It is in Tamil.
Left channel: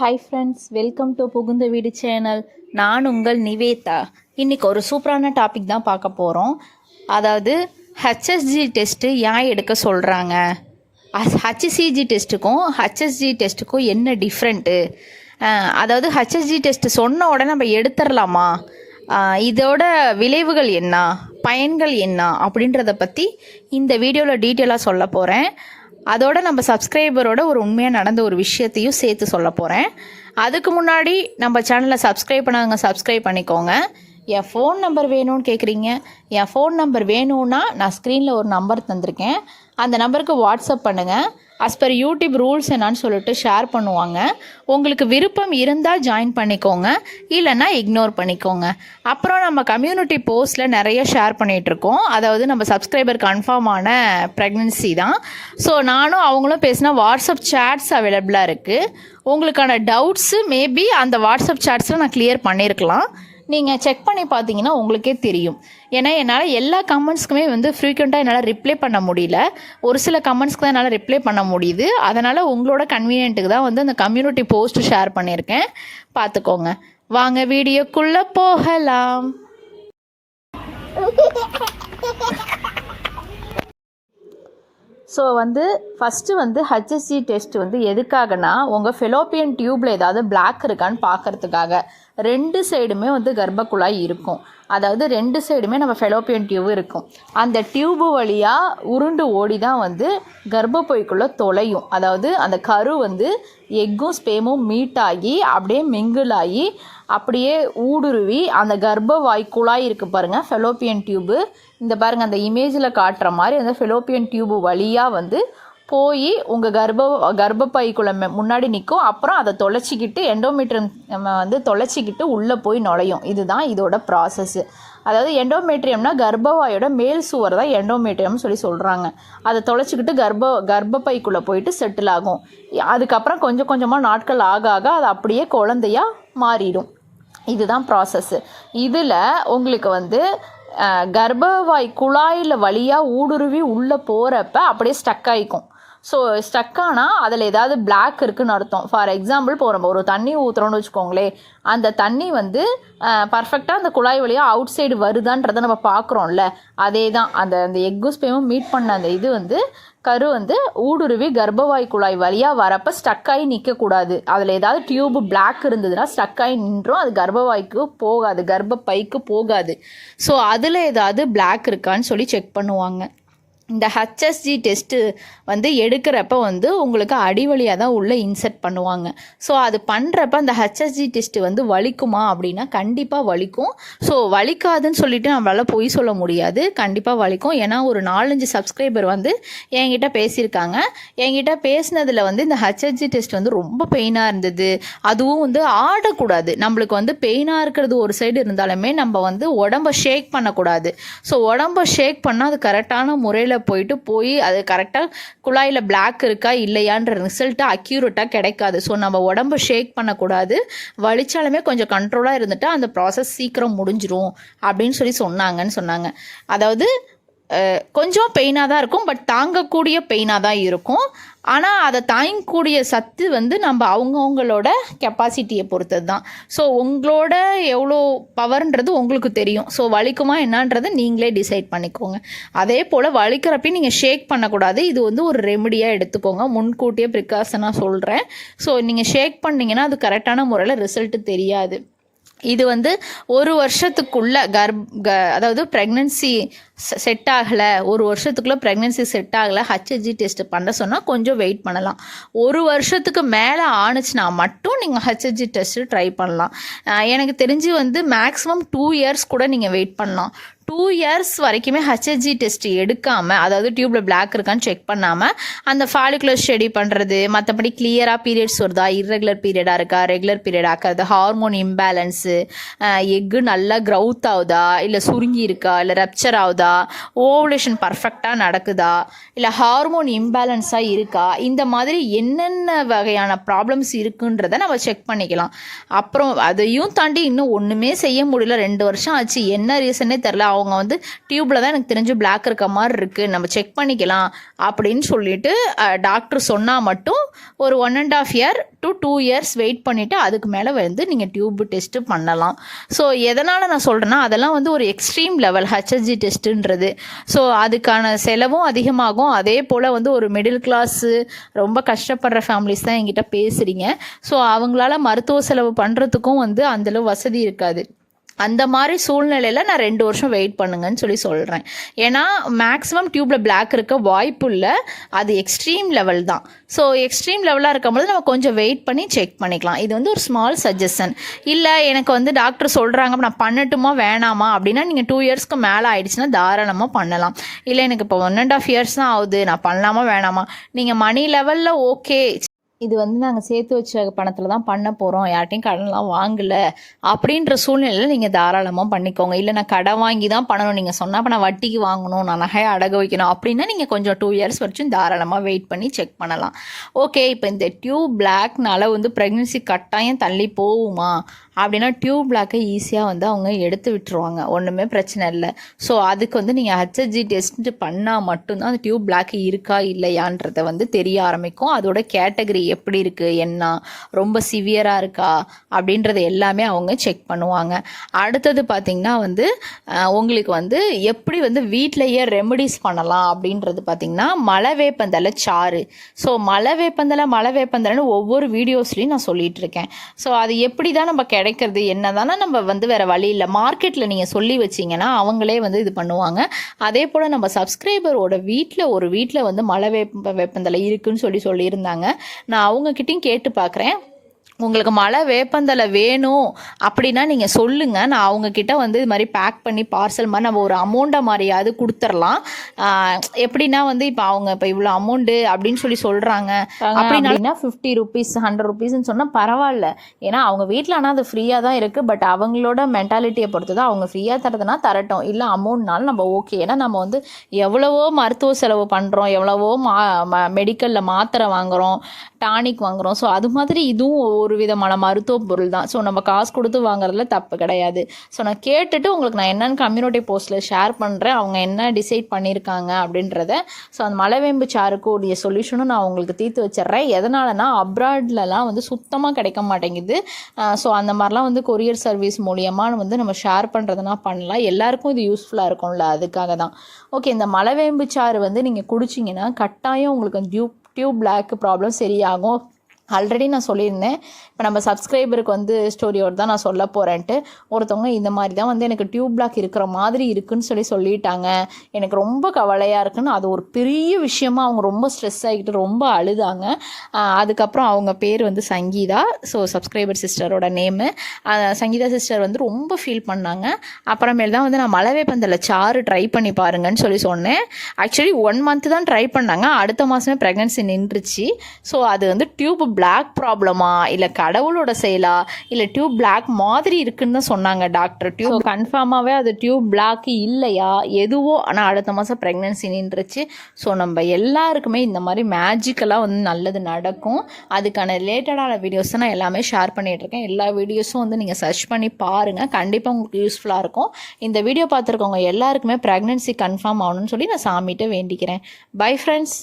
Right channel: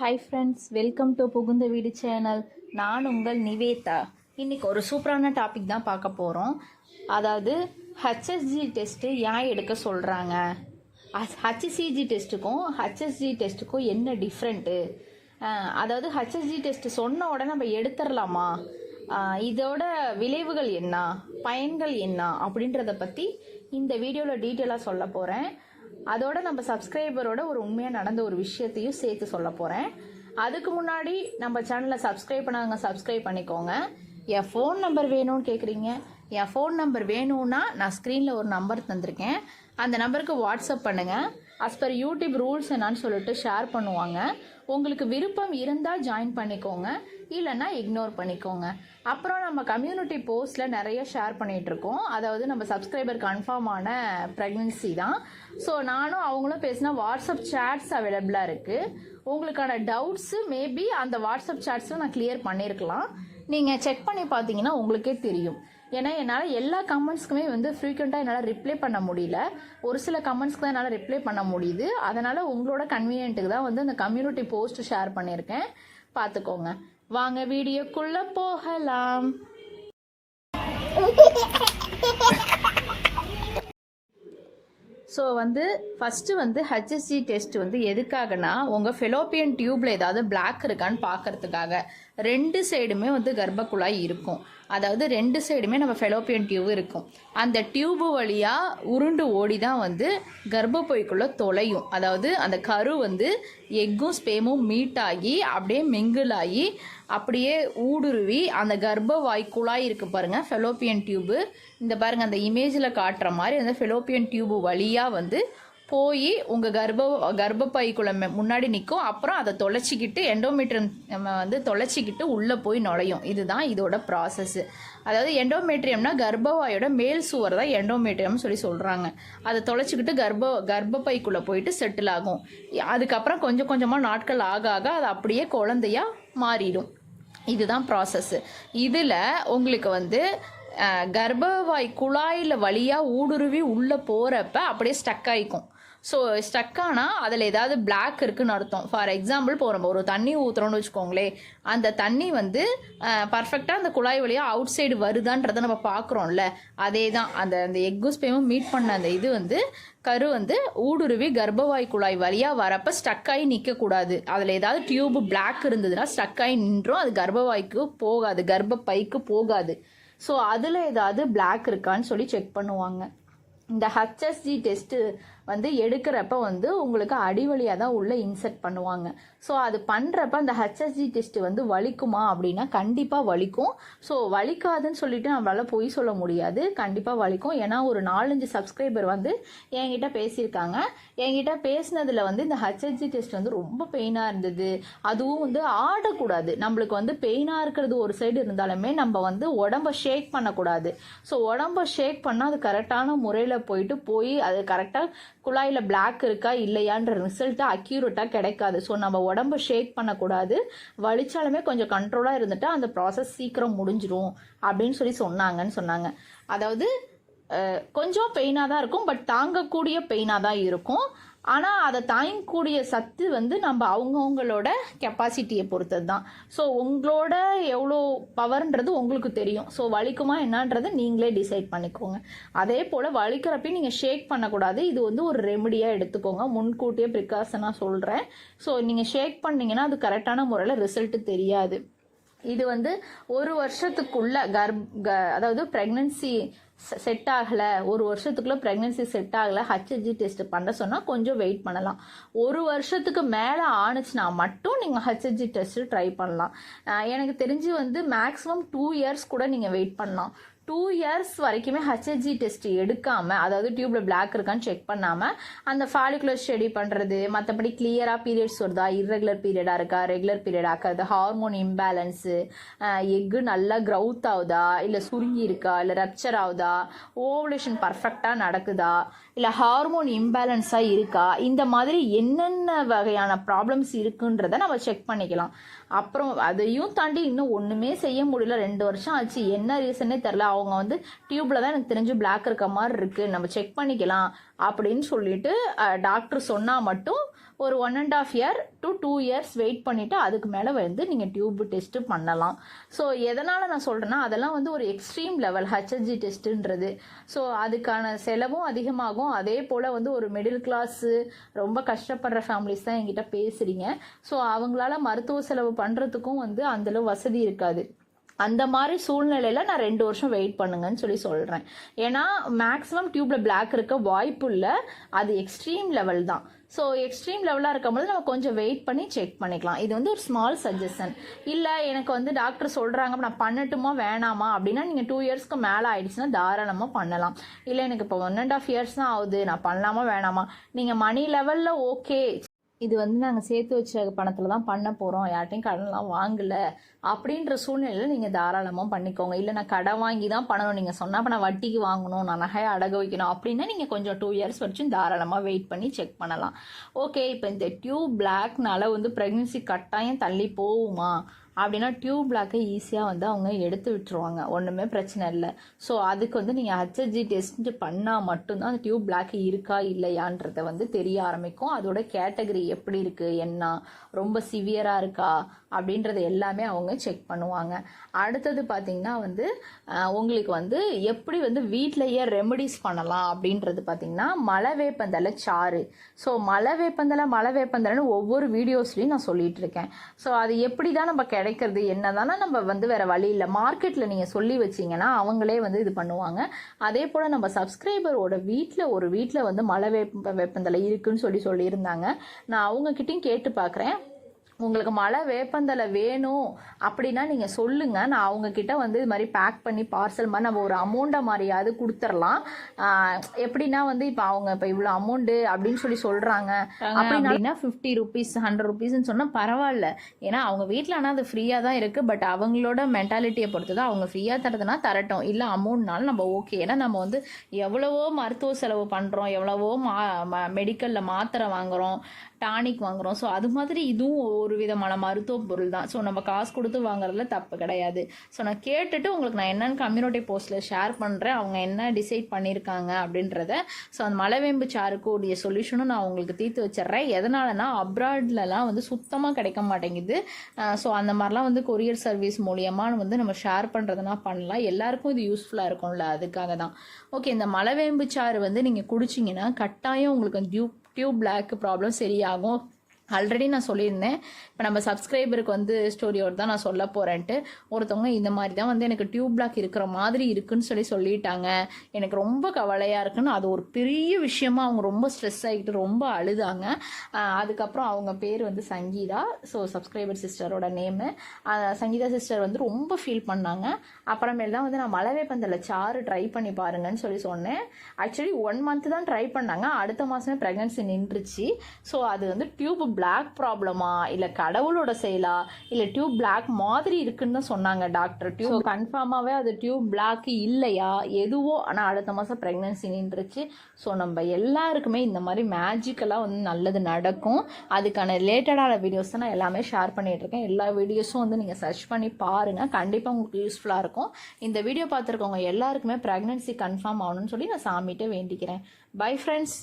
ஹாய் ஃப்ரெண்ட்ஸ், வெல்கம் டு புகுந்த வீடு சேனல். நான் உங்கள் நிவேதா. இன்றைக்கி ஒரு சூப்பரான டாபிக் தான் பார்க்க போகிறோம். அதாவது ஹெச்எஸ்ஜி டெஸ்ட்டு ஏன் எடுக்க சொல்கிறாங்க, ஹச்சிசிஜி டெஸ்ட்டுக்கும் ஹெச்எஸ்ஜி டெஸ்ட்டுக்கும் என்ன டிஃப்ரெண்ட்டு, அதாவது ஹெச்எஸ்ஜி டெஸ்ட்டு சொன்ன உடனே நம்ம எடுத்துடலாமா, இதோட விளைவுகள் என்ன, பயன்கள் என்ன அப்படின்றத பற்றி இந்த வீடியோவில் டீட்டெயிலாக சொல்ல போகிறேன். அதோட நம்ம சப்ஸ்கிரைபரோட ஒரு உண்மையாக நடந்த ஒரு விஷயத்தையும் சேர்த்து சொல்ல போகிறேன். அதுக்கு முன்னாடி நம்ம சேனலை சப்ஸ்கிரைப் பண்ணாங்க, சப்ஸ்கிரைப் பண்ணிக்கோங்க. என் ஃபோன் நம்பர் வேணும்னு கேட்குறீங்க. என் ஃபோன் நம்பர் வேணும்னா நான் ஸ்க்ரீனில் ஒரு நம்பர் தந்திருக்கேன். அந்த நம்பருக்கு வாட்ஸ்அப் பண்ணுங்கள். அஸ் பர் யூடியூப் ரூல்ஸ் என்னான்னு சொல்லிட்டு ஷேர் பண்ணுவாங்க. உங்களுக்கு விருப்பம் இருந்தால் ஜாயின் பண்ணிக்கோங்க, இல்லைன்னா இக்னோர் பண்ணிக்கோங்க. அப்புறம் நம்ம கம்யூனிட்டி போஸ்ட்டில் நிறைய ஷேர் பண்ணிகிட்ருக்கோம். அதாவது நம்ம சப்ஸ்கிரைபர் கன்ஃபார்மான ப்ரெக்னென்சி தான். ஸோ நானும் அவங்களும் பேசினா வாட்ஸ்அப் சேட்ஸ் அவைலபிளாக இருக்குது. உங்களுக்கான டவுட்ஸு மேபி அந்த வாட்ஸ்அப் சேட்ஸில் நான் கிளியர் பண்ணியிருக்கலாம். நீங்கள் செக் பண்ணி பார்த்தீங்கன்னா உங்களுக்கே தெரியும். ஏன்னா என்னால் எல்லா கமெண்ட்ஸ்க்குமே ஃப்ரீக்வெண்ட்டாக என்னால் ரிப்ளை பண்ண முடியல. ஒரு சில கமெண்ட்ஸ்க்கு தான் என்னால் ரிப்ளை பண்ண முடியுது. அதனால் உங்களோட கன்வீனியன்ட்டுக்கு தான் அந்த கம்யூனிட்டி போஸ்ட்டு ஷேர் பண்ணியிருக்கேன். பார்த்துக்கோங்க. வாங்க வீடியோக்குள்ளே போகலாம். ஸோ ஃபஸ்ட்டு ஹெச்எஸ்ஜி டெஸ்ட் எதுக்காகனா, உங்கள் ஃபெலோப்பியன் டியூப்பில் ஏதாவது பிளாக் இருக்கான்னு பார்க்குறதுக்காக. ரெண்டு சைடுமே கர்ப்பக்குழாய் இருக்கும். அதாவது ரெண்டு சைடுமே நம்ம ஃபெலோப்பியன் டியூப் இருக்கும். அந்த டியூபு வழியாக உருண்டு ஓடி தான் கர்ப்பப்பைக்குள்ளே தொலையும். அதாவது அந்த கரு எக்கும் ஸ்பேமும் மீட் ஆகி அப்படியே மிங்கிள் ஆகி அப்படியே ஊடுருவி அந்த கர்ப்பவாய் குழாய் இருக்குது பாருங்கள், ஃபெலோப்பியன் டியூபு. இந்த பாருங்கள், அந்த இமேஜில் காட்டுற மாதிரி அந்த ஃபெலோப்பியன் டியூபு வழியாக போய் உங்கள் கர்ப்பப்பைக்குள்ள முன்னாடி நிற்கும். அப்புறம் அதை தொலைச்சிக்கிட்டு எண்டோமெட்ரியம் நம்ம தொலைச்சிக்கிட்டு உள்ளே போய் நுழையும். இதுதான் இதோட ப்ராசஸ்ஸு. அதாவது எண்டோமெட்ரியம்னா கர்ப்பவாயோட மேல் சுவர் தான் எண்டோமெட்ரியம்னு சொல்கிறாங்க. அதை தொலைச்சிக்கிட்டு கர்ப்பப்பைக்குள்ளே போயிட்டு செட்டில் ஆகும். அதுக்கப்புறம் கொஞ்சம் கொஞ்சமாக நாட்கள் ஆக ஆக அது அப்படியே குழந்தையாக மாறிடும். இதுதான் ப்ராசஸ்ஸு. இதில் உங்களுக்கு கர்ப்பவாய் குழாயில் வழியாக ஊடுருவி உள்ளே போகிறப்ப அப்படியே ஸ்டக் ஆகிக்கும். ஸோ ஸ்டக்கானால் அதில் ஏதாவது பிளாக் இருக்குதுன்னு அர்த்தம். ஃபார் எக்ஸாம்பிள், இப்போ நம்ம ஒரு தண்ணி ஊற்றுறோன்னு வச்சுக்கோங்களேன். அந்த தண்ணி பர்ஃபெக்டாக அந்த குழாய் வழியாக அவுட் சைடு வருதான்றதை நம்ம பார்க்குறோம்ல, அதே தான். அந்த எக்கு ஸ்பேமும் மீட் பண்ண அந்த இது கரு ஊடுருவி கர்ப்பவாய் குழாய் வழியாக வரப்போ ஸ்டக்காகி நிற்கக்கூடாது. அதில் ஏதாவது டியூப் பிளாக் இருந்ததுன்னா ஸ்டக்காகி நின்றோம். அது கர்ப்பவாய்க்கு போகாது, கர்ப்பப்பைக்கு போகாது. ஸோ அதில் ஏதாவது பிளாக் இருக்கான்னு செக் பண்ணுவாங்க. இந்த ஹெச்எஸ்ஜி டெஸ்ட்டு எடுக்கிறப்ப உங்களுக்கு அடிவழியாக தான் உள்ளே இன்செர்ட் பண்ணுவாங்க. ஸோ அது பண்ணுறப்ப அந்த ஹெச்எஸ்ஜி டெஸ்ட்டு வலிக்குமா அப்படின்னா கண்டிப்பாக வலிக்கும். ஸோ வலிக்காதுன்னு சொல்லிட்டு நம்மளால் பொய் சொல்ல முடியாது, கண்டிப்பாக வலிக்கும். ஏன்னா ஒரு 4-5 சப்ஸ்கிரைபர் என்கிட்ட பேசியிருக்காங்க. என்கிட்ட பேசினதில் இந்த ஹெச்எஸ்ஜி டெஸ்ட் ரொம்ப பெயினாக இருந்தது. அதுவும் ஆடக்கூடாது. நம்மளுக்கு பெயினாக இருக்கிறது ஒரு சைடு இருந்தாலுமே நம்ம உடம்பை ஷேக் பண்ணக்கூடாது. ஸோ உடம்பை ஷேக் பண்ணால் அது கரெக்டான முறையில் போய் அது கரெக்டாக குழாயில் பிளாக் இருக்கா இல்லையான்ற ரிசல்ட்டு அக்யூரேட்டாக கிடைக்காது. ஸோ நம்ம உடம்பு ஷேக் பண்ணக்கூடாது. வலிச்சாலுமே கொஞ்சம் கண்ட்ரோலாக இருந்துட்டால் அந்த ப்ராசஸ் சீக்கிரம் முடிஞ்சிரும் அப்படின்னு சொன்னாங்க. அதாவது கொஞ்சம் பெயினாக தான் இருக்கும், பட் தாங்கக்கூடிய பெயினாக தான் இருக்கும். ஆனால் அதை தாங்கக்கூடிய சத்து நம்ம அவங்கவுங்களோட கெப்பாசிட்டியை பொறுத்தது தான். ஸோ உங்களோட எவ்வளோ பவர்ன்றது உங்களுக்கு தெரியும். ஸோ வலிக்குமா என்னன்றது நீங்களே டிசைட் பண்ணிக்கோங்க. அதே போல் வலிக்கிறப்ப நீங்கள் ஷேக் பண்ணக்கூடாது. இது ஒரு ரெமடியாக எடுத்துக்கோங்க. முன்கூட்டியே ப்ரிகாஷனாக சொல்கிறேன். ஸோ நீங்கள் ஷேக் பண்ணிங்கன்னா அது கரெக்டான முறையில் ரிசல்ட்டு தெரியாது. இது ஒரு வருஷத்துக்குள்ளே அதாவது ப்ரெக்னென்சி செட் ஆகலை, ஒரு வருஷத்துக்குள்ளே ப்ரெக்னென்சி செட் ஆகலை, ஹெச்எஸ்ஜி டெஸ்ட் பண்ண சொன்னால் கொஞ்சம் வெயிட் பண்ணலாம். ஒரு வருஷத்துக்கு மேலே ஆணுச்சுன்னா மட்டும் நீங்கள் ஹெச்எஸ்ஜி டெஸ்ட்டு ட்ரை பண்ணலாம். எனக்கு தெரிஞ்சு மேக்ஸிமம் 2 இயர்ஸ் கூட நீங்கள் வெயிட் பண்ணலாம். 2 இயர்ஸ் வரைக்குமே ஹெச்எஸ்ஜி டெஸ்ட் எடுக்காமல், அதாவது டியூப்பில் பிளாக் இருக்கான்னு செக் பண்ணாமல் அந்த ஃபாலிகுலர் ஸ்டடி பண்ணுறது, மற்றபடி கிளியராக பீரியட்ஸ் வருதா, இர்ரெகுலர் பீரியடாக இருக்கா, ரெகுலர் பீரியட் ஆக்கிறது, ஹார்மோன் இம்பேலன்ஸு, எக்கு நல்லா க்ரௌத் ஆகுதா, இல்லை சுருங்கி இருக்கா, இல்லை ரப்சர் ஆகுதா, ஓவலேஷன் பர்ஃபெக்டாக நடக்குதா, இல்லை ஹார்மோன் இம்பேலன்ஸாக இருக்கா, இந்த மாதிரி என்னென்ன வகையான ப்ராப்ளம்ஸ் இருக்குன்றதை நம்ம செக் பண்ணிக்கலாம். அப்புறம் அதையும் தாண்டி இன்னும் ஒன்றுமே செய்ய முடியல, 2 வருஷம் ஆச்சு, என்ன ரீசனே தெரில, அவங்க வந்து டியூப்பில் தான் எனக்கு தெரிஞ்சு பிளாக் இருக்க மாதிரி இருக்குது, நம்ம செக் பண்ணிக்கலாம் அப்படின்னு சொல்லிட்டு டாக்டர் சொன்னால் மட்டும் ஒரு 1.5 year to 2 years வெயிட் பண்ணிவிட்டு அதுக்கு மேலே வந்து நீங்கள் டியூப் டெஸ்ட்டு பண்ணலாம். ஸோ எதனால் நான் சொல்கிறேன்னா, அதெல்லாம் வந்து ஒரு எக்ஸ்ட்ரீம் லெவல் ஹெச்எஸ்ஜி டெஸ்ட்டுன்றது. ஸோ அதுக்கான செலவும் அதிகமாகும். அதே போல் வந்து ஒரு மிடில் கிளாஸு ரொம்ப கஷ்டப்படுற ஃபேமிலிஸ் தான் என்கிட்ட பேசுகிறீங்க. ஸோ அவங்களால மருத்துவ செலவு பண்ணுறதுக்கும் வந்து அந்தளவு வசதி இருக்காது. அந்த மாதிரி சூழ்நிலையில் நான் 2 வருஷம் வெயிட் பண்ணுங்கன்னு சொல்கிறேன். ஏன்னா மேக்ஸிமம் டியூப்பில் பிளாக் இருக்க வாய்ப்பு இல்லை, அது எக்ஸ்ட்ரீம் லெவல் தான். ஸோ எக்ஸ்ட்ரீம் லெவலாக இருக்கும்போது நம்ம கொஞ்சம் வெயிட் பண்ணி செக் பண்ணிக்கலாம். இது வந்து ஒரு ஸ்மால் சஜஷன். இல்லை எனக்கு வந்து டாக்டர் சொல்கிறாங்க நான் பண்ணட்டுமா வேணாமா அப்படின்னா, நீங்கள் 2 yearsக்கு மேலே ஆயிடுச்சுன்னா தாராளமாக பண்ணலாம். இல்லை எனக்கு இப்போ 1.5 years தான் ஆகுது, நான் பண்ணலாமா வேணாமா, நீங்கள் மணி லெவலில் ஓகே, இது வந்து நாங்கள் சேர்த்து வச்ச பணத்தில் தான் பண்ண போகிறோம், யார்ட்டையும் கடன்லாம் வாங்கலை அப்படின்ற சூழ்நிலையில் நீங்கள் தாராளமாக பண்ணிக்கோங்க. இல்லை நான் கடன் வாங்கி தான் பண்ணணும் நீங்கள் சொன்னால், அப்போ நான் வட்டிக்கு வாங்கணும், நான் நகையை அடகு வைக்கணும் அப்படின்னா நீங்கள் கொஞ்சம் 2 years வரைக்கும் தாராளமாக வெயிட் பண்ணி செக் பண்ணலாம். ஓகே, இப்போ இந்த டியூப் பிளாக்னால வந்து ப்ரெக்னென்சி கட்டாயம் தள்ளி போகுமா அப்படின்னா, டியூப் பிளாக்கை ஈஸியாக வந்து அவங்க எடுத்து விட்டுருவாங்க, ஒன்றுமே பிரச்சனை இல்லை. ஸோ அதுக்கு வந்து நீங்கள் ஹெச்எஸ்ஜி டெஸ்ட் பண்ணால் மட்டும்தான் அந்த டியூப் பிளாக் இருக்கா இல்லையான்றதை வந்து தெரிய ஆரம்பிக்கும். அதோட கேட்டகரி எப்படி இருக்குது, என்ன ரொம்ப சிவியராக இருக்கா அப்படின்றத எல்லாமே அவங்க செக் பண்ணுவாங்க. அடுத்தது பார்த்திங்கன்னா வந்து உங்களுக்கு வந்து எப்படி வந்து வீட்டிலையே ரெமடிஸ் பண்ணலாம் அப்படின்றது பார்த்திங்கன்னா, மலை வேப்பந்தலை சாறு. ஸோ மலை வேப்பந்தலைன்னு ஒவ்வொரு வீடியோஸ்லையும் நான் சொல்லிகிட்டு இருக்கேன். ஸோ அது எப்படி தான் நம்ம கிடைக்கிறது என்ன தானே, நம்ம வந்து வேறு வழி இல்லை. மார்க்கெட்டில் நீங்கள் சொல்லி வச்சிங்கன்னா அவங்களே வந்து இது பண்ணுவாங்க. அதே போல் நம்ம சப்ஸ்கிரைபரோட வீட்டில் வந்து மலை வேப்பந்தலை இருக்குதுன்னு சொல்லியிருந்தாங்க. நான் அவங்கக்கிட்டையும் கேட்டு பார்க்குறேன். உங்களுக்கு மலை வேப்பந்தலை வேணும் அப்படின்னா நீங்கள் சொல்லுங்கள், நான் அவங்கக்கிட்ட வந்து இது மாதிரி பேக் பண்ணி பார்சல் மாதிரி நம்ம ஒரு அமௌண்ட்டை மாதிரியாவது கொடுத்துர்லாம். எப்படின்னா வந்து இப்போ அவங்க இப்போ இவ்வளோ அமௌண்ட்டு அப்படின்னு சொல்கிறாங்க அப்படின்னா 50 rupees 100 rupeesன்னு சொன்னால் பரவாயில்ல. ஏன்னா அவங்க வீட்டில் ஆனால் அது ஃப்ரீயாக தான் இருக்குது. பட் அவங்களோட மென்டாலிட்டியை பொறுத்து தான், அவங்க ஃப்ரீயாக தரதுனா தரட்டும், இல்லை அமௌண்ட்னாலும் நம்ம ஓகே. ஏன்னா நம்ம வந்து எவ்வளவோ மருத்துவ செலவு பண்ணுறோம், எவ்வளவோ மெடிக்கலில் மாத்திரை வாங்குகிறோம், டானிக் வாங்குகிறோம். ஸோ அது மாதிரி இதுவும் ஒரு விதமான மருத்துவ பொருள் தான். ஸோ நம்ம காசு கொடுத்து வாங்குறதுல தப்பு கிடையாது. ஸோ நான் கேட்டுட்டு உங்களுக்கு நான் என்னென்னு கம்யூனிட்டி போஸ்ட்டில் ஷேர் பண்ணுறேன், அவங்க என்ன டிசைட் பண்ணியிருக்காங்க அப்படின்றத. ஸோ அந்த மலைவேம்பு சாருக்கு உடைய சொல்யூஷனும் நான் உங்களுக்கு தீர்த்து வச்சிட்றேன். எதனாலனா அப்ராட்லலாம் வந்து சுத்தமாக கிடைக்க மாட்டேங்குது. ஸோ அந்த மாதிரிலாம் வந்து கொரியர் சர்வீஸ் மூலியமாக வந்து நம்ம ஷேர் பண்ணுறதுனா பண்ணலாம். எல்லாருக்கும் இது யூஸ்ஃபுல்லாக இருக்கும்ல, அதுக்காக தான். ஓகே, இந்த மலைவேம்பு சாறு வந்து நீங்கள் குடிச்சிங்கன்னா கட்டாயம் உங்களுக்கு டியூப் பிளாக் ப்ராப்ளம் சரியாகும். ஆல்ரெடி நான் சொல்லியிருந்தேன், இப்போ நம்ம சப்ஸ்கிரைபருக்கு வந்து ஸ்டோரியோடு தான் நான் சொல்ல போகிறேன்ட்டு. ஒருத்தவங்க இந்த மாதிரி தான் வந்து எனக்கு டியூப் பிளாக் இருக்கிற மாதிரி இருக்குன்னு சொல்லிட்டாங்க, எனக்கு ரொம்ப கவலையாக இருக்குன்னு. அது ஒரு பெரிய விஷயமா அவங்க ரொம்ப ஸ்ட்ரெஸ் ஆகிக்கிட்டு ரொம்ப அழுதாங்க. அதுக்கப்புறம் அவங்க பேர் வந்து சங்கீதா. ஸோ சப்ஸ்கிரைபர் சிஸ்டரோட நேமு சங்கீதா சிஸ்டர் வந்து ரொம்ப ஃபீல் பண்ணாங்க. அப்புறமேல் தான் வந்து நான் மலைவேப்பந்தலை சாறு ட்ரை பண்ணி பாருங்கன்னு சொன்னேன். ஆக்சுவலி 1 month தான் ட்ரை பண்ணாங்க, அடுத்த மாதமே ப்ரெக்னன்சி நின்றுச்சு. ஸோ அது வந்து டியூப் பிளாக் ப்ராப்ளமா இல்லை கடவுளோட செயலா இல்லை டியூப் பிளாக் மாதிரி இருக்குன்னு தான் சொன்னாங்க டாக்டர். டியூப் கன்ஃபார்மாகவே அது டியூப் பிளாக் இல்லையா எதுவோ, ஆனால் அடுத்த மாதம் ப்ரெக்னன்சி நின்றுச்சு. ஸோ நம்ம எல்லாருக்குமே இந்த மாதிரி மேஜிக்கலாக வந்து நல்லது நடக்கும். அதுக்கான ரிலேட்டடான வீடியோஸ் நான் எல்லாமே ஷேர் பண்ணிகிட்ருக்கேன். எல்லா வீடியோஸும் வந்து நீங்கள் சர்ச் பண்ணி பாருங்கள், கண்டிப்பாக உங்களுக்கு யூஸ்ஃபுல்லாக இருக்கும். இந்த வீடியோ பார்த்துருக்கவங்க எல்லாருக்குமே ப்ரெக்னன்சி கன்ஃபார்ம் ஆகணும்னு நான் சாமிகிட்ட வேண்டிக்கிறேன். Bye friends.